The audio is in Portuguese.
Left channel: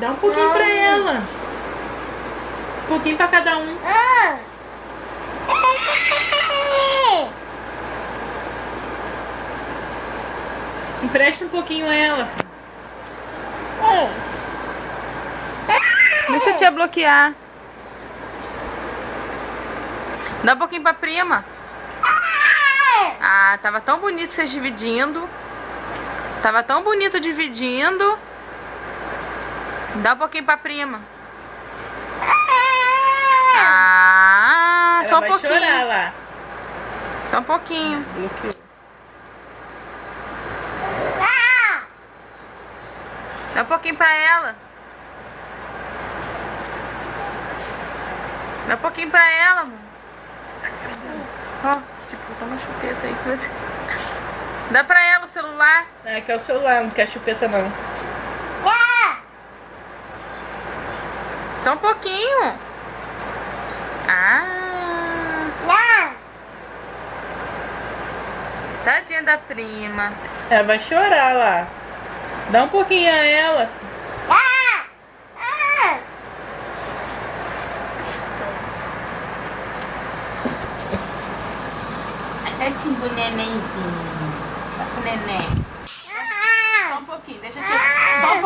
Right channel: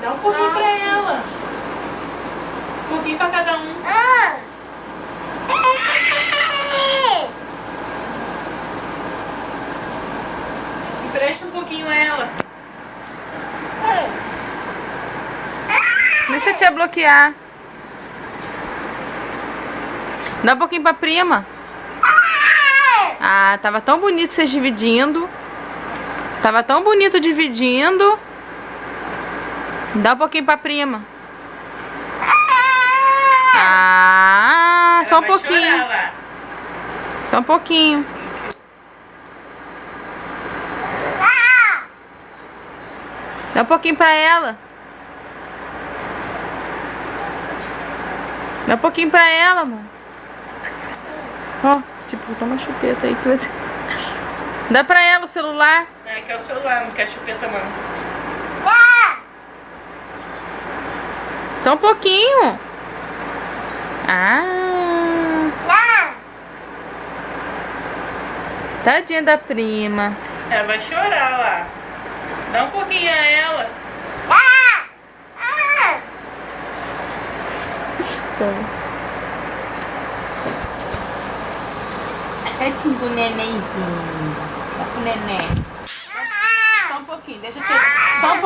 Dá um pouquinho pra ela. Um pouquinho pra cada um. Empresta um pouquinho a ela. Deixa a tia bloquear. Dá um pouquinho pra prima. Ah, tava tão bonito vocês dividindo. Tava tão bonito dividindo. Dá um pouquinho pra prima. Ah, só um pouquinho. Só um pouquinho. Dá um pouquinho pra ela. Dá um pouquinho pra ela, amor. Ó, tipo, toma chupeta aí que você... Dá pra ela o celular. É, quer o celular, não quer chupeta não. Só um pouquinho. Ah. Tadinha da prima. Ela vai chorar lá. Dá um pouquinho a ela. É tipo nenenzinho. Só com neném. Só um pouquinho, deixa eu te... Só um pouquinho.